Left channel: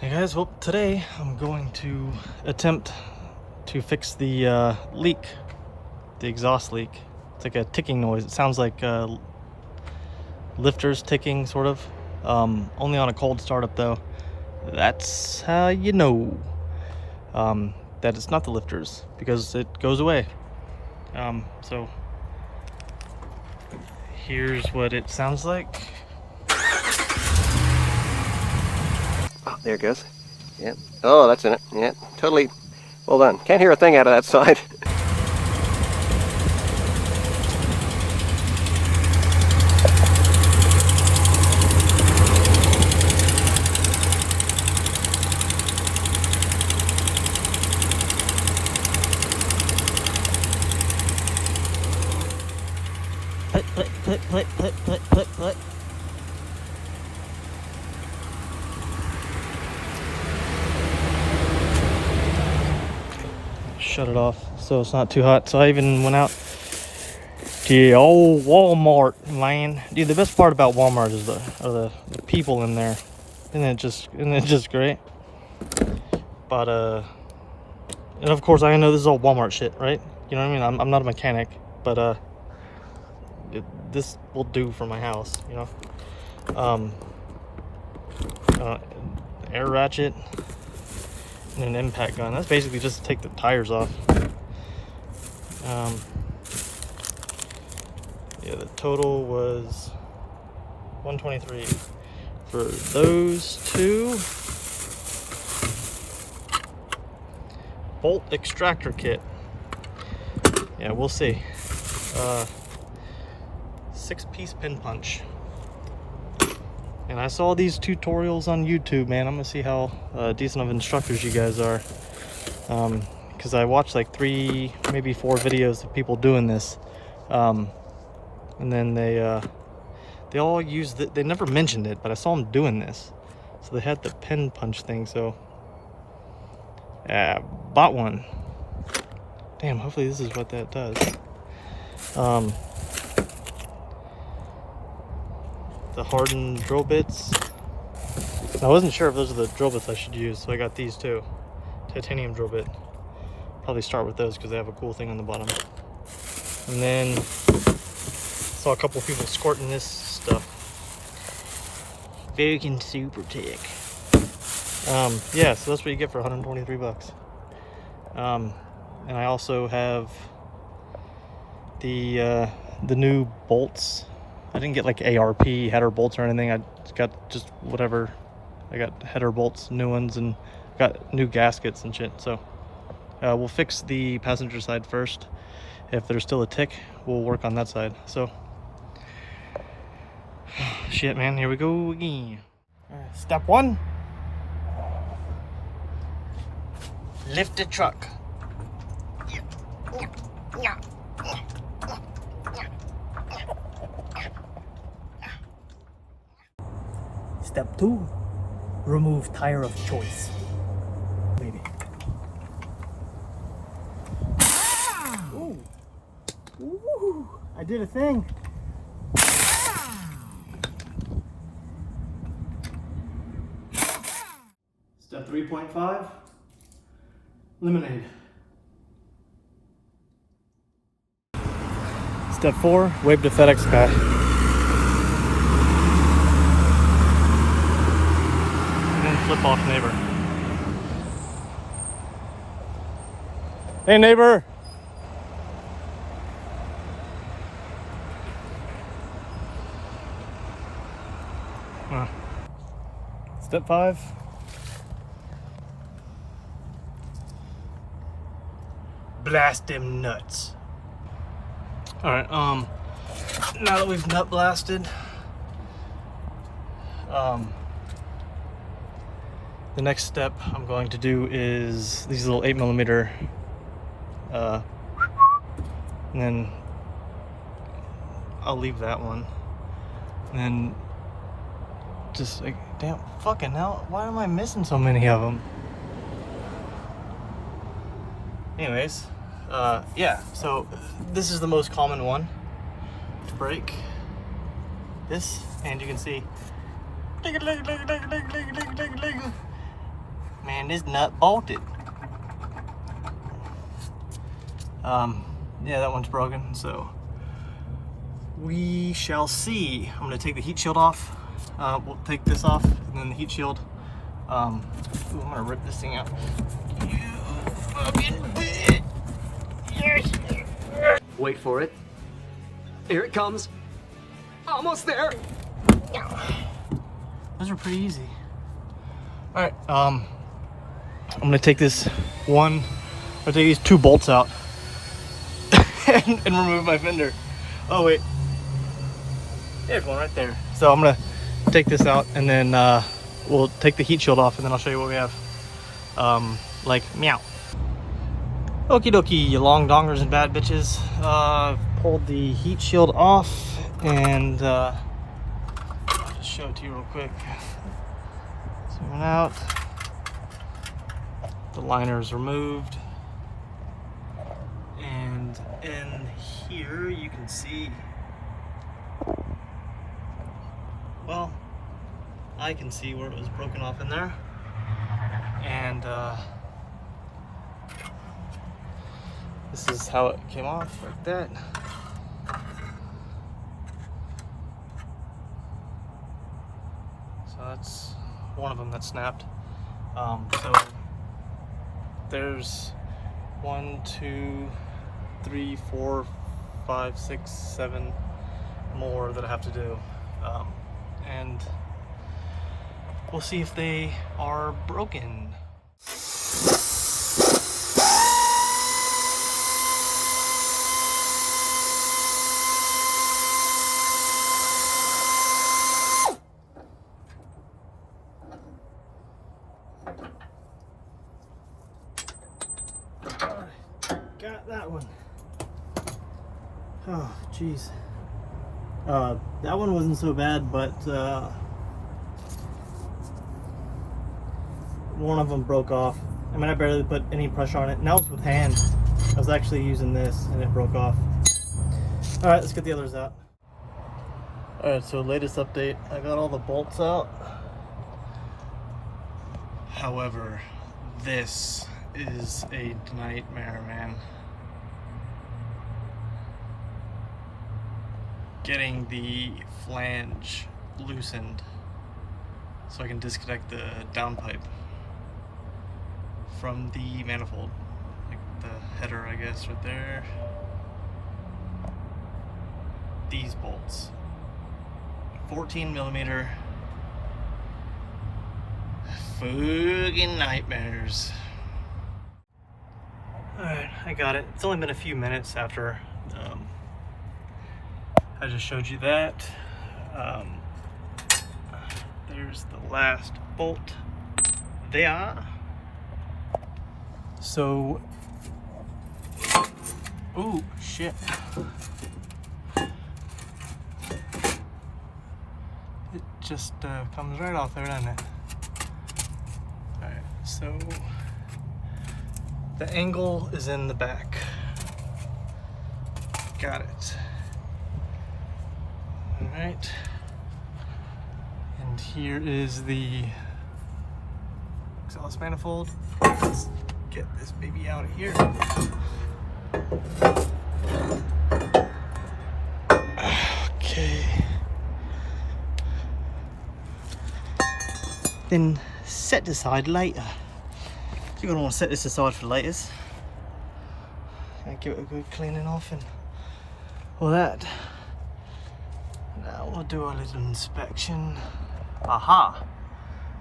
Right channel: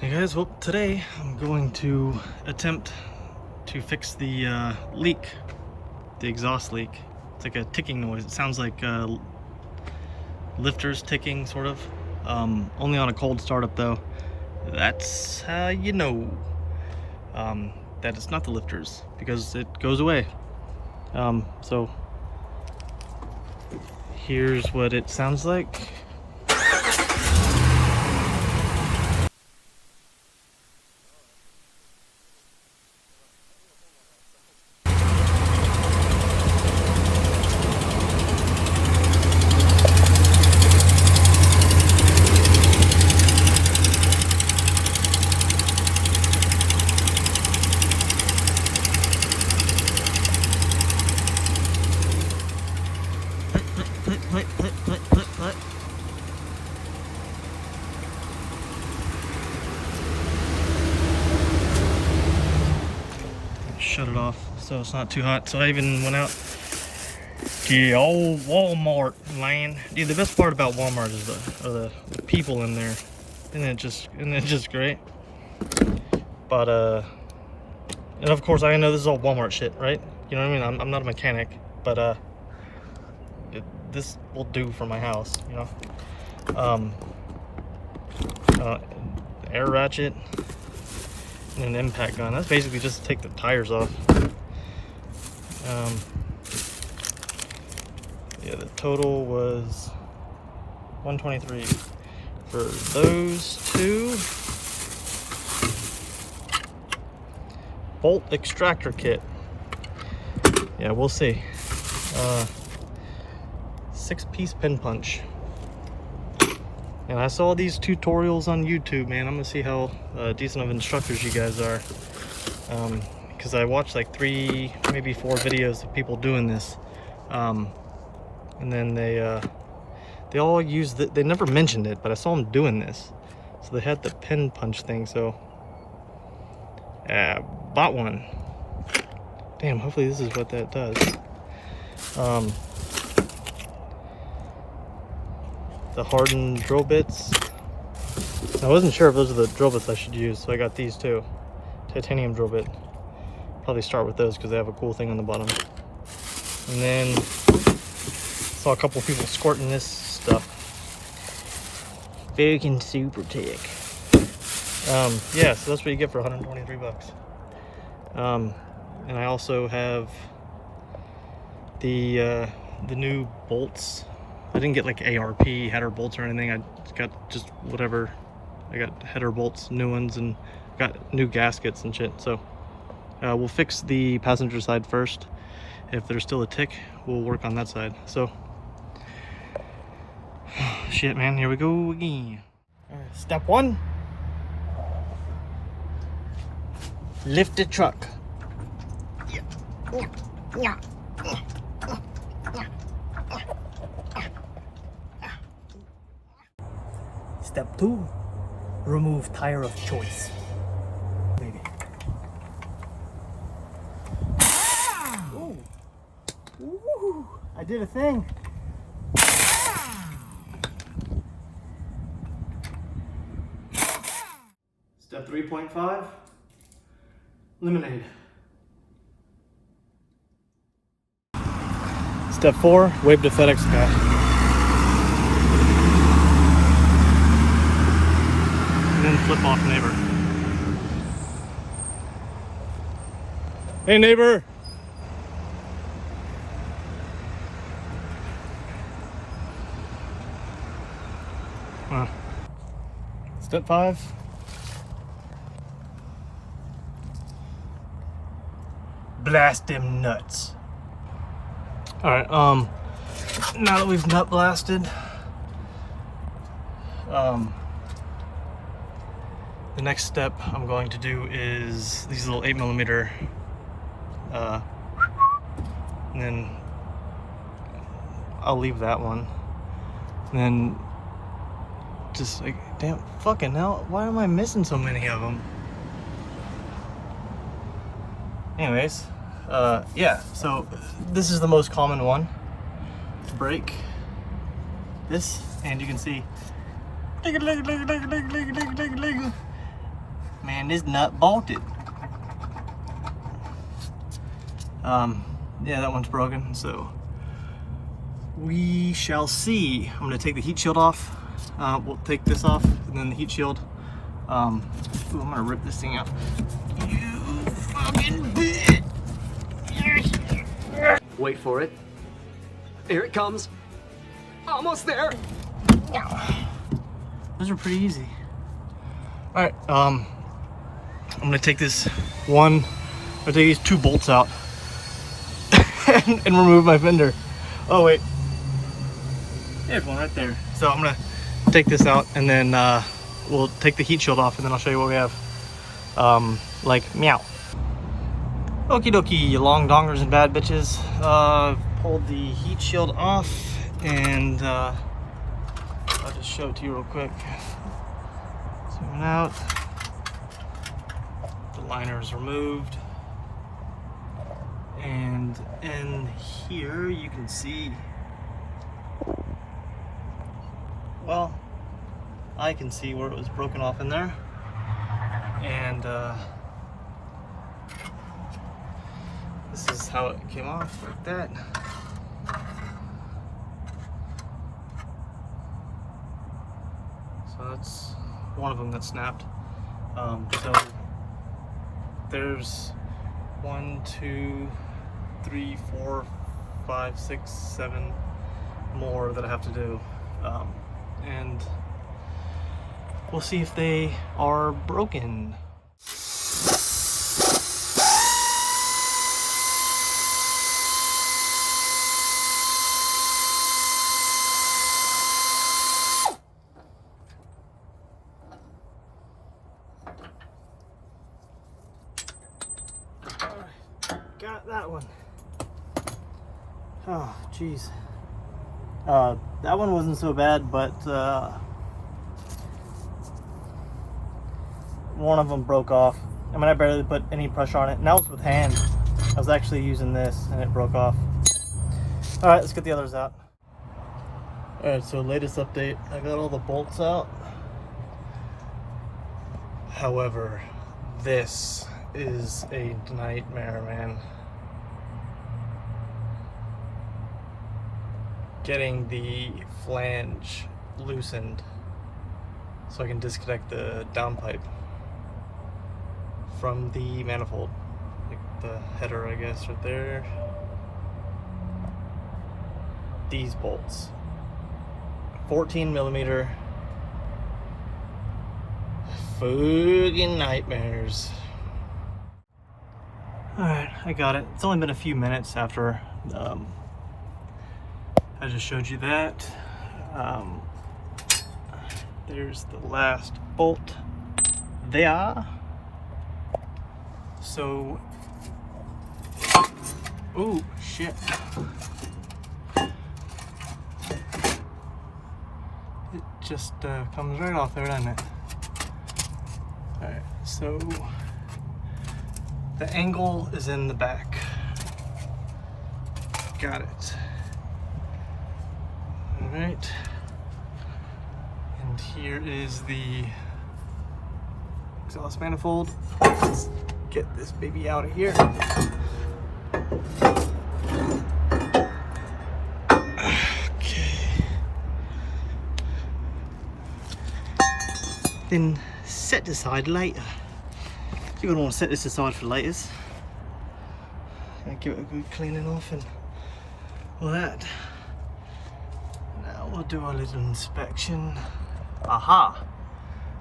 Hey guys, well today I'm going to attempt to fix the leak, the exhaust leak. It's like a ticking noise. It sounds like lifters ticking, sort of. Only on a cold startup though. That's how you know that it's not the lifters, because it goes away. So here's what it sounds like. Oh, there it goes. Yep. Oh, that's in it. Yep. Totally well done. Can't hear a thing out of that side. Put. Shut it off so it's not too hot. So I even went out to the old Walmart land. Dude, the best part about Walmart is the people in there. Isn't it just great? But and of course I know this is all Walmart shit, right? You know what I mean? I'm not a mechanic, but this will do for my house, you know. Air ratchet and an impact gun. That's basically just to take the tires off. Yeah, the total was 123 for those two. Bolt extractor kit. Yeah, we'll see. 6-piece pin punch. And I saw these tutorials on YouTube, man. I'm gonna see how decent of instructors you guys are. Because I watched like 3, maybe 4 videos of people doing this. And then they all used it. They never mentioned it, but I saw them doing this. So they had the pin punch thing, so bought one. Damn, hopefully this is what that does. The hardened drill bits. I wasn't sure if those are the drill bits I should use, so I got these too. Titanium drill bit. Probably start with those because they have a cool thing on the bottom. And then saw a couple people squirting this stuff. Fucking super tick. Yeah, so that's what you get for 123 bucks. And I also have the new bolts. I didn't get like ARP header bolts or anything. I got just whatever. I got header bolts, new ones, and got new gaskets and shit. So we'll fix the passenger side first. If there's still a tick, we'll work on that side. So shit, man, here we go again. All right, step 1. Lift the truck. Step 2, remove tire of choice. Maybe. Ooh. Ooh. I did a thing. Step 3.5, lemonade. Step 4, wave to FedEx guy. Flip off neighbor. Hey neighbor. Step 5. Blast them nuts. All right. Now that we've nut blasted, the next step I'm going to do is these little 8mm, and then I'll leave that one. And then just like, damn, fucking hell, why am I missing so many of them? Anyways, yeah, so this is the most common one to break. This, and you can see Man, this nut bolted. Yeah, that one's broken, so we shall see. I'm gonna take the heat shield off. We'll take this off and then the heat shield. Ooh, I'm gonna rip this thing out. Wait for it. Here it comes. Almost there. Those are pretty easy. All right, I'm gonna take this one. I'll take these 2 bolts out and remove my fender. Oh wait, there's one right there. So I'm gonna take this out and then we'll take the heat shield off and then I'll show you what we have. Like meow. Okie dokie, you long dongers and bad bitches. Pulled the heat shield off and I'll just show it to you real quick. Zooming out. The liner is removed. And in here you can see, well, I can see where it was broken off in there. And this is how it came off, like that. So that's one of them that snapped. So there's 1, 2, 3, 4, 5, 6, 7 more that I have to do. And we'll see if they are broken. Got that one. Oh, jeez. That one wasn't so bad, but one of them broke off. I mean, I barely put any pressure on it, and that was with hand. I was actually using this, and it broke off. All right, let's get the others out. All right, so latest update. I got all the bolts out. However, this is a nightmare, man. Getting the flange loosened so I can disconnect the downpipe from the manifold, like the header, I guess, right there. These bolts, 14mm, fucking nightmares. All right, I got it. It's only been a few minutes after I just showed you that. There's the last bolt there. So, oh shit. It just comes right off there, doesn't it? Alright, so the angle is in the back. Got it. Alright. And here is the exhaust manifold. Let's get this baby out of here. Okay. Then set aside later. You're gonna want to set this aside for later. Give it a good cleaning off and all that. Now we'll do a little inspection. Aha!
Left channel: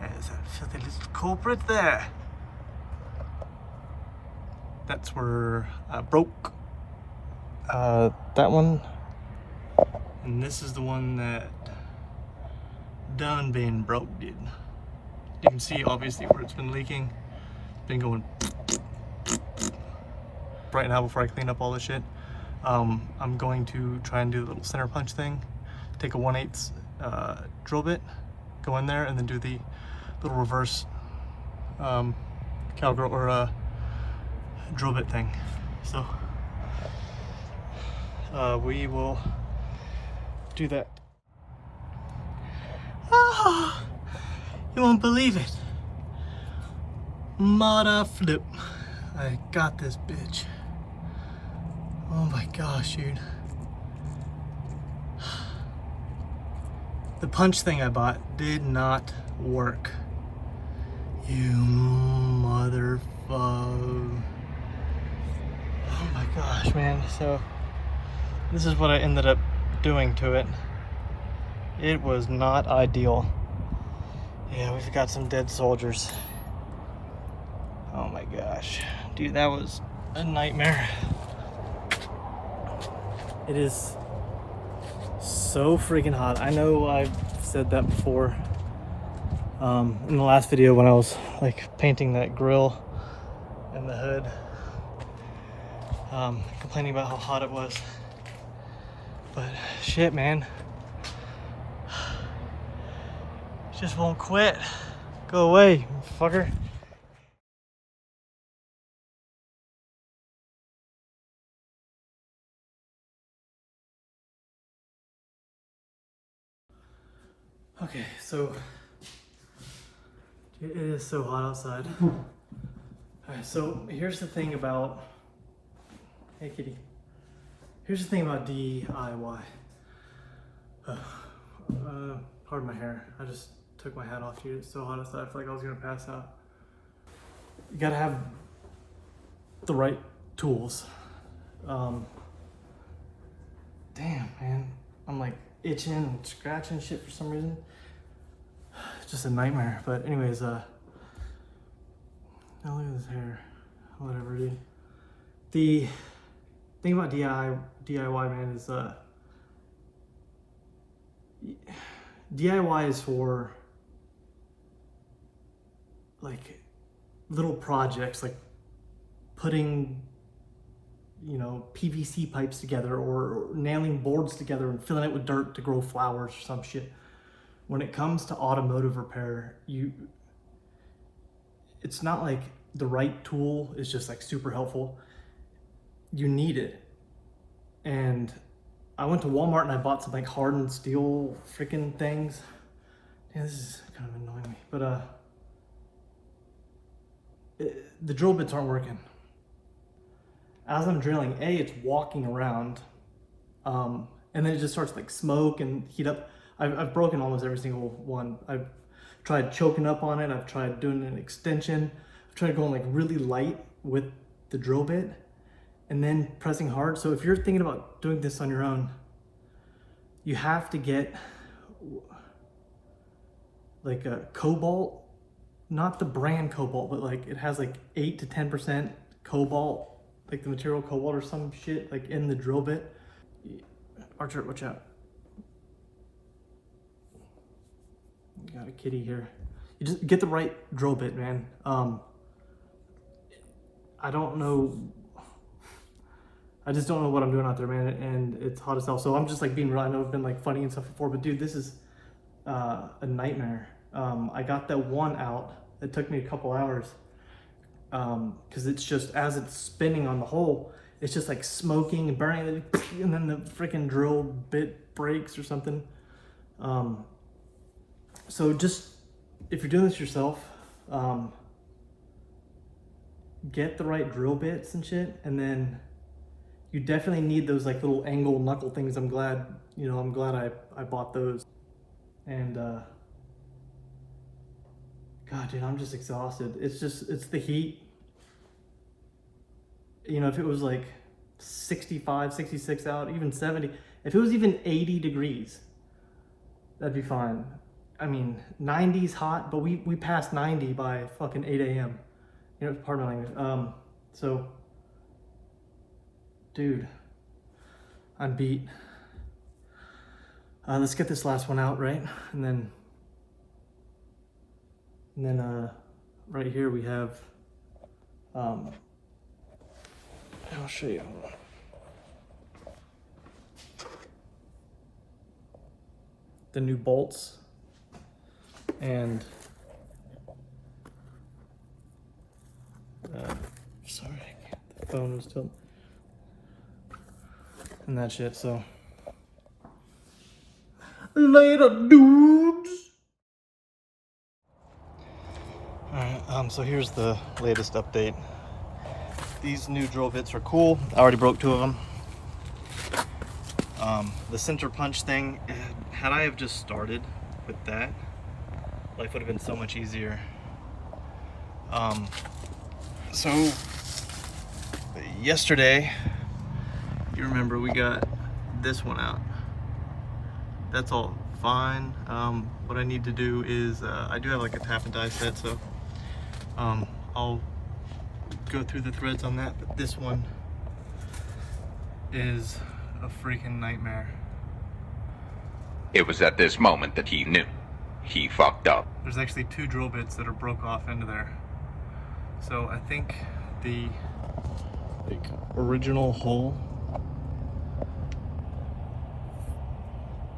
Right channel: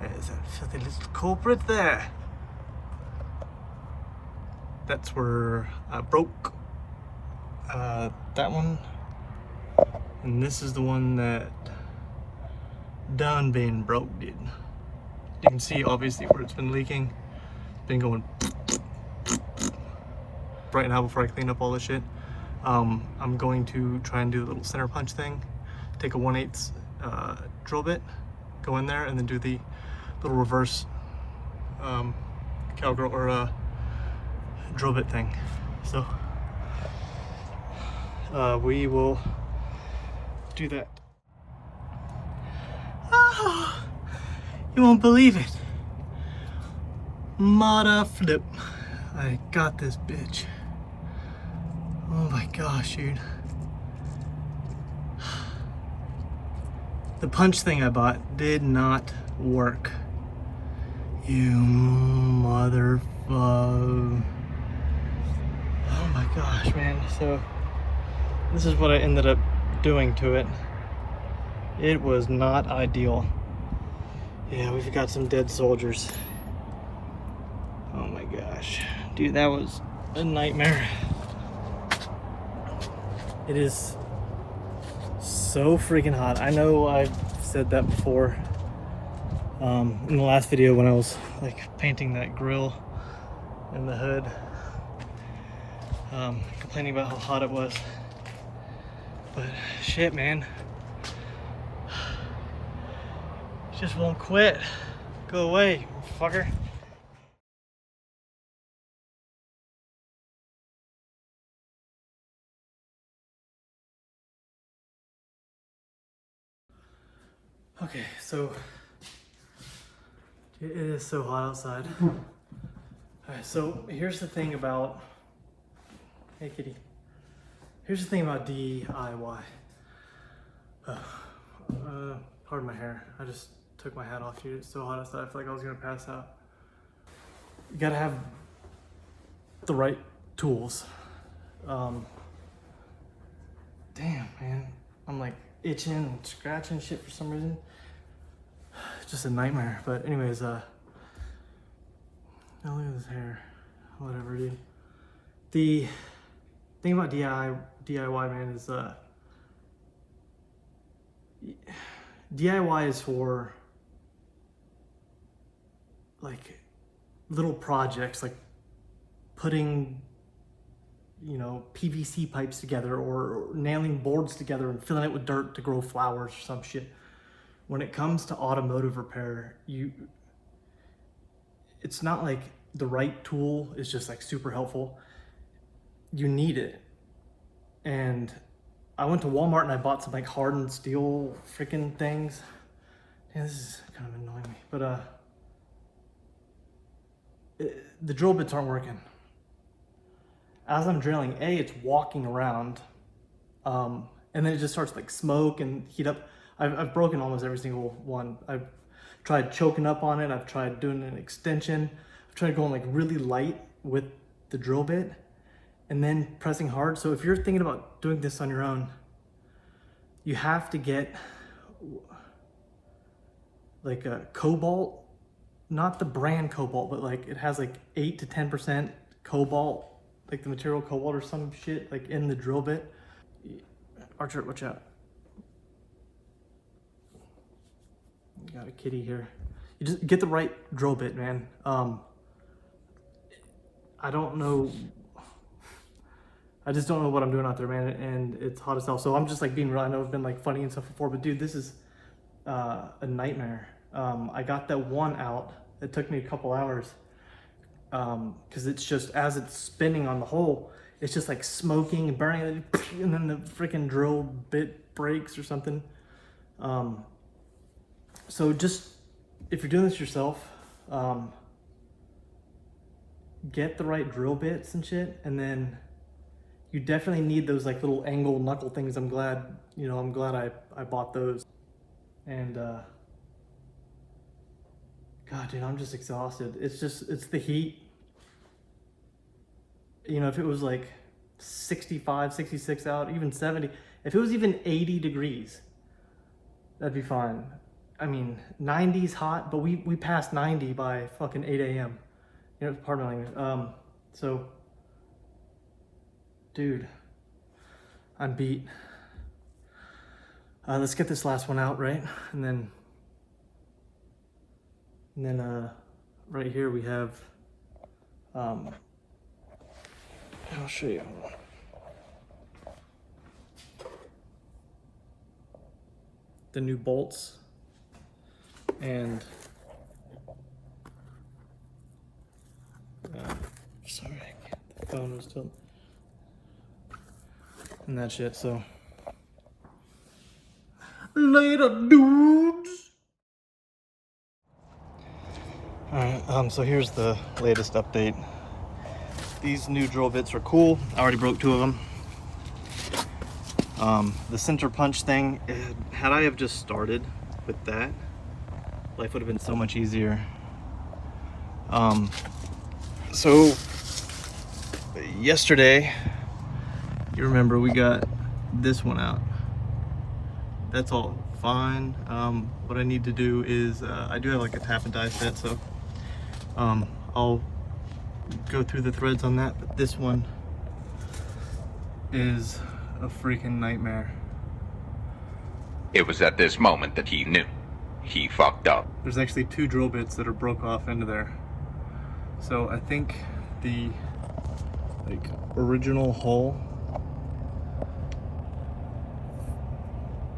There's a filthy little culprit there. That's where I broke that one. And this is the one that done been broke, dude. You can see obviously where it's been leaking. Been going right now before I clean up all this shit. I'm going to try and do the little center punch thing. Take a 1/8 drill bit, go in there, and then do the little reverse cowgirl or drill bit thing. So we will do that. Ah, you won't believe it. Mother flip. I got this bitch. Oh my gosh, dude. The punch thing I bought did not work. You motherfucker. Oh my gosh, man. So, this is what I ended up doing to it. It was not ideal. Yeah, we've got some dead soldiers. Oh my gosh. Dude, that was a nightmare. It is so freaking hot. I know I've said that before in the last video when I was like painting that grill and the hood, complaining about how hot it was. But shit, man, it just won't quit. Go away, fucker. Okay, so it is so hot outside. Alright, so here's the thing about, hey kitty, here's the thing about DIY. Pardon my hair, I just took my hat off, dude. It's so hot outside, I feel like I was gonna pass out. You gotta have the right tools. Damn, man, I'm like itching and scratching shit for some reason. It's just a nightmare. But anyways, now look at this hair. Whatever, dude. The thing about DIY, man, is DIY is for like little projects, like putting, you know, PVC pipes together or nailing boards together and filling it with dirt to grow flowers or some shit. When it comes to automotive repair, it's not like the right tool is just like super helpful. You need it. And I went to Walmart and I bought some like hardened steel freaking things. Yeah, this is kind of annoying me, but the drill bits aren't working. As I'm drilling, it's walking around, and then it just starts like smoke and heat up. I've broken almost every single one. I've tried choking up on it. I've tried doing an extension. I've tried going like really light with the drill bit and then pressing hard. So if you're thinking about doing this on your own, you have to get like a cobalt, not the brand cobalt, but like it has like 8 to 10% cobalt, like the material cobalt or some shit like in the drill bit. Archer, watch out. You got a kitty here. You just get the right drill bit, man. I don't know. I just don't know what I'm doing out there, man. And it's hot as hell. So I'm just like being real. I know I've been like funny and stuff before, but dude, this is a nightmare. I got that one out. It took me a couple hours because it's just, as it's spinning on the hole, it's just like smoking and burning, and then the freaking drill bit breaks or something. So just, if you're doing this yourself, get the right drill bits and shit, and then you definitely need those like little angle knuckle things. I'm glad I bought those. And God, dude, I'm just exhausted. It's the heat. You know, if it was like 65, 66 out, even 70, if it was even 80 degrees, that'd be fine. I mean, 90's hot, but we passed 90 by fucking 8 a.m. You know, pardon my language. So, dude, I'm beat. Let's get this last one out, right? And then right here we have, I'll show you. The new bolts. And sorry, the phone is still and that shit. So later, dudes. Alright, so here's the latest update. These new drill bits are cool. I already broke 2 of them. The center punch thing, had I have just started with that, life would have been so much easier. So yesterday, you remember we got this one out. That's all fine. What I need to do is, I do have like a tap and die set, so I'll go through the threads on that, but this one is a freaking nightmare. It was at this moment that he knew. He fucked up. There's actually 2 drill bits that are broke off into there. So I think the original hole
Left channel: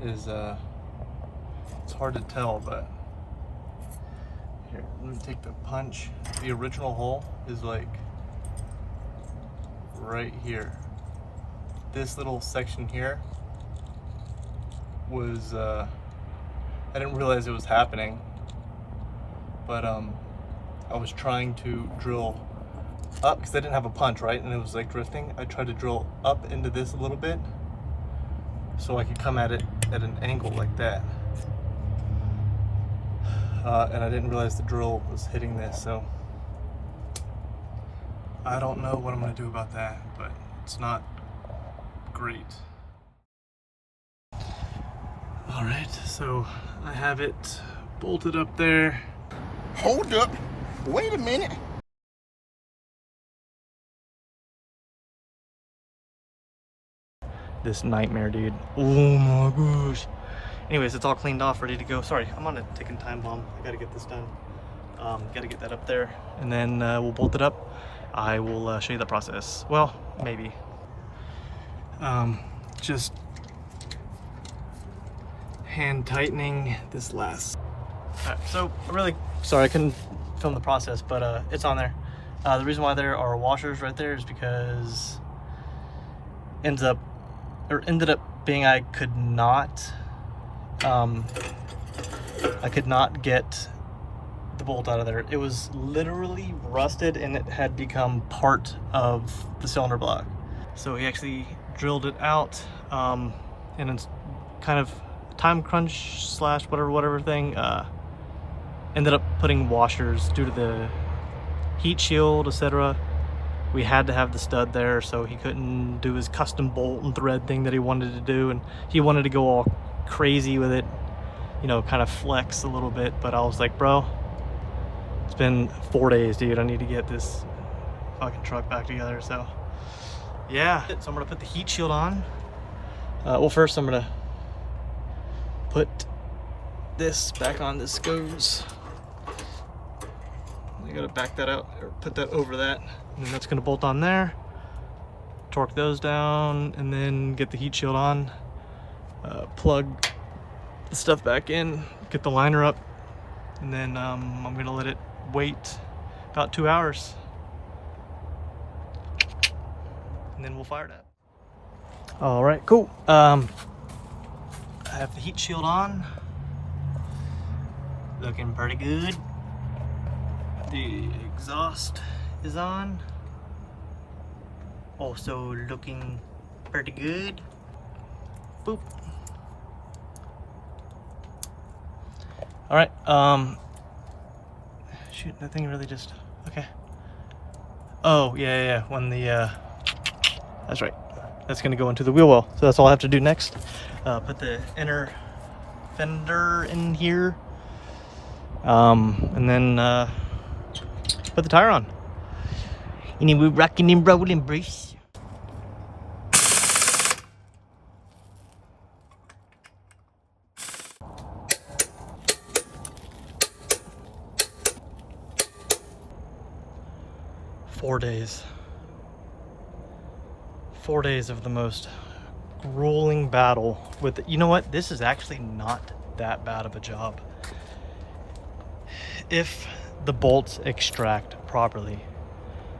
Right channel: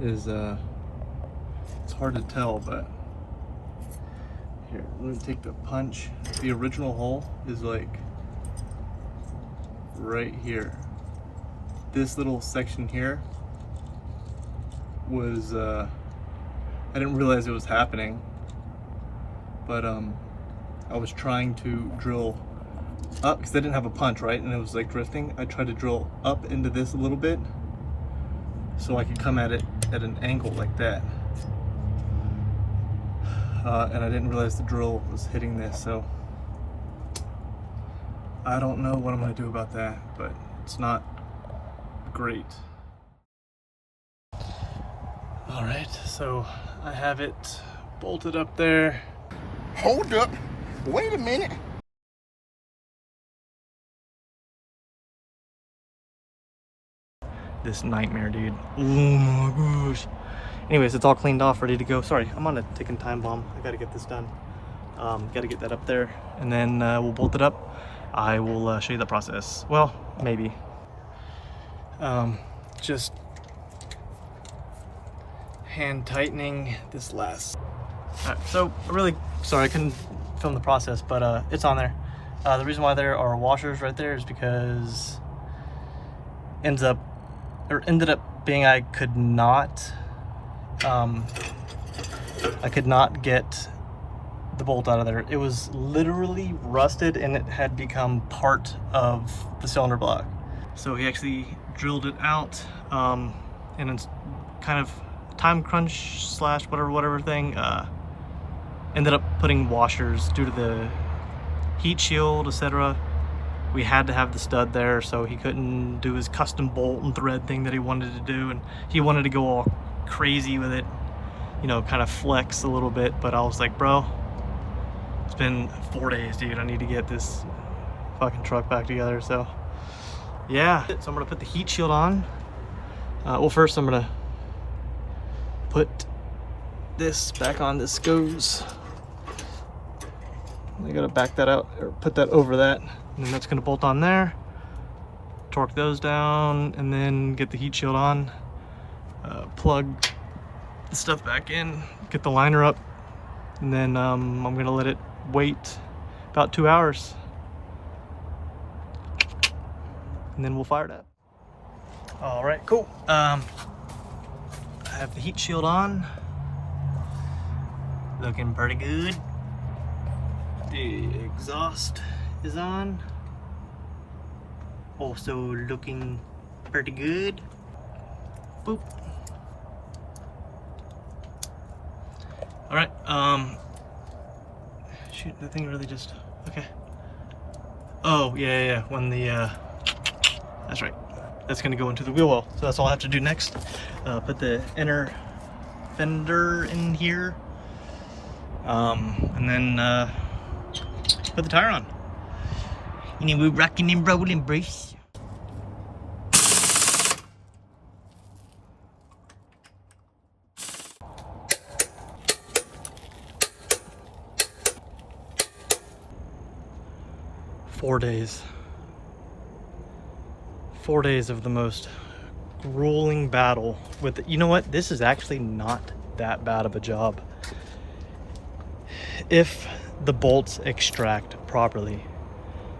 is it's hard to tell, but here, let me take the punch. The original hole is like right here. This little section here was I didn't realize it was happening, but I was trying to drill up because I didn't have a punch, right? And it was like drifting. I tried to drill up into this a little bit so I could come at it at an angle like that. And I didn't realize the drill was hitting this, so I don't know what I'm gonna do about that, but it's not great. All right, so I have it bolted up there. Hold up. Wait a minute. This nightmare, dude. Oh my gosh. Anyways, it's all cleaned off, ready to go. Sorry, I'm on a ticking time bomb. I gotta get this done. Gotta get that up there, and then we'll bolt it up. I will show you the process. Well, maybe. Just hand tightening this last. Alright, so really sorry I couldn't film the process, but it's on there. The reason why there are washers right there is because ended up being I could not get the bolt out of there. It was literally rusted and it had become part of the cylinder block. So he actually drilled it out, and it's kind of time crunch slash whatever thing, ended up putting washers due to the heat shield, etc. We had to have the stud there, so he couldn't do his custom bolt and thread thing that he wanted to do, and he wanted to go all crazy with it, you know, kind of flex a little bit. But I was like, bro, it's been 4 days, dude. I need to get this fucking truck back together. So yeah, so I'm gonna put the heat shield on. Well, first I'm gonna put this back on. This goes, I gotta back that out or put that over that, and then that's gonna bolt on there. Torque those down and then get the heat shield on, plug the stuff back in, get the liner up, and then I'm gonna let it wait about 2 hours, and then we'll fire it up. All right, cool. I have the heat shield on, looking pretty good. The exhaust is on, also looking pretty good. Boop. All right, shoot, that thing really just, okay. Oh, yeah, when the, that's right. That's gonna go into the wheel well. So that's all I have to do next. Put the inner fender in here. And then, put the tire on. And then we're rocking and rolling, brace. Four days. 4 days of the most grueling battle with, you know what? This is actually not that bad of a job. If the bolts extract properly,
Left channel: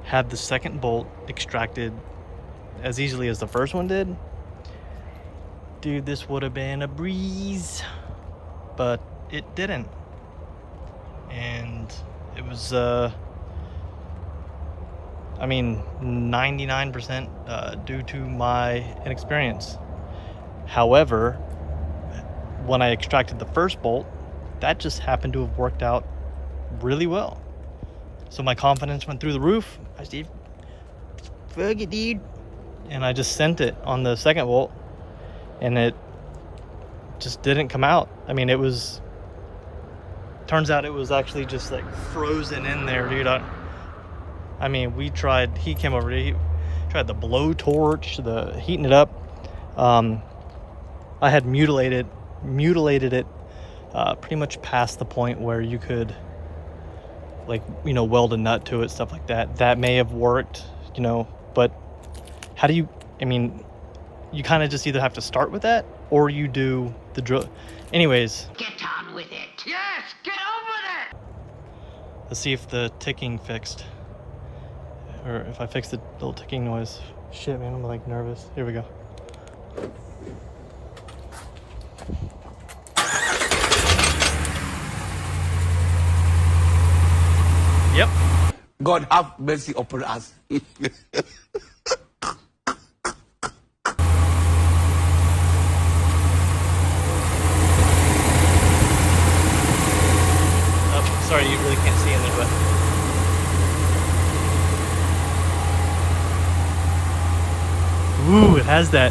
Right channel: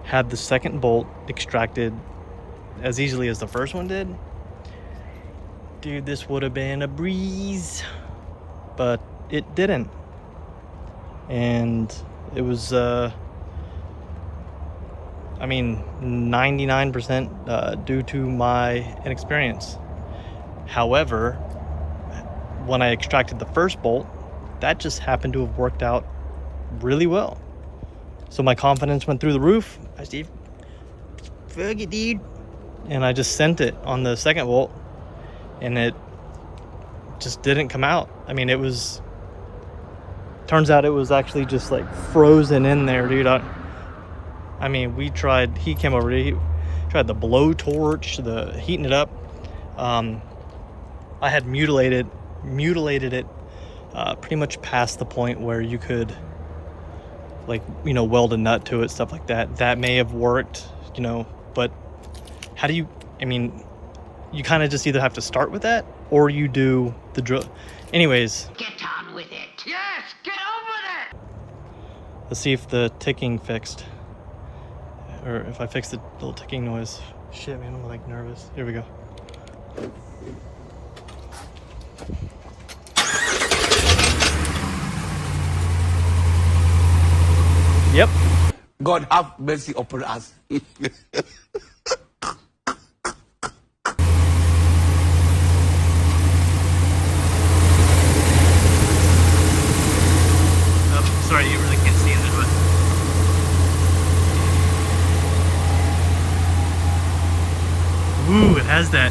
had the second bolt extracted as easily as the first one did, dude, this would have been a breeze, but it didn't. And It was, I mean, 99% due to my inexperience. However, when I extracted the first bolt, that just happened to have worked out really well. So my confidence went through the roof. I said, fuck it, dude. And I just sent it on the second bolt, and it just didn't come out. I mean, it was, turns out it was actually just like frozen in there, dude. I mean, we tried, he came over, he tried the blowtorch, the heating it up. I had mutilated it pretty much past the point where you could, like, you know, weld a nut to it, stuff like that. That may have worked, you know, but how do you, I mean, you kind of just either have to start with that or you do the drill. Anyways. Get on with it. Yes, get on with it. Let's see if the ticking fixed. Or if I fixed the little ticking noise. Shit, man, I'm like nervous. Here we go. Yep. God have mercy upon us. Oh, sorry, you really can't see in it, but ooh, it has that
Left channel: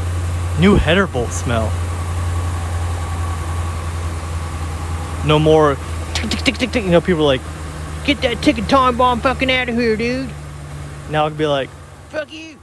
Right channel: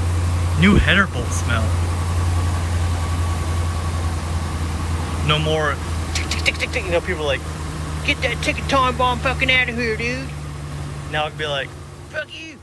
new header bolt smell. No more tick, tick, tick, tick, tick. You know, people are like, get that ticking time bomb fucking out of here, dude. Now I'd be like, fuck you.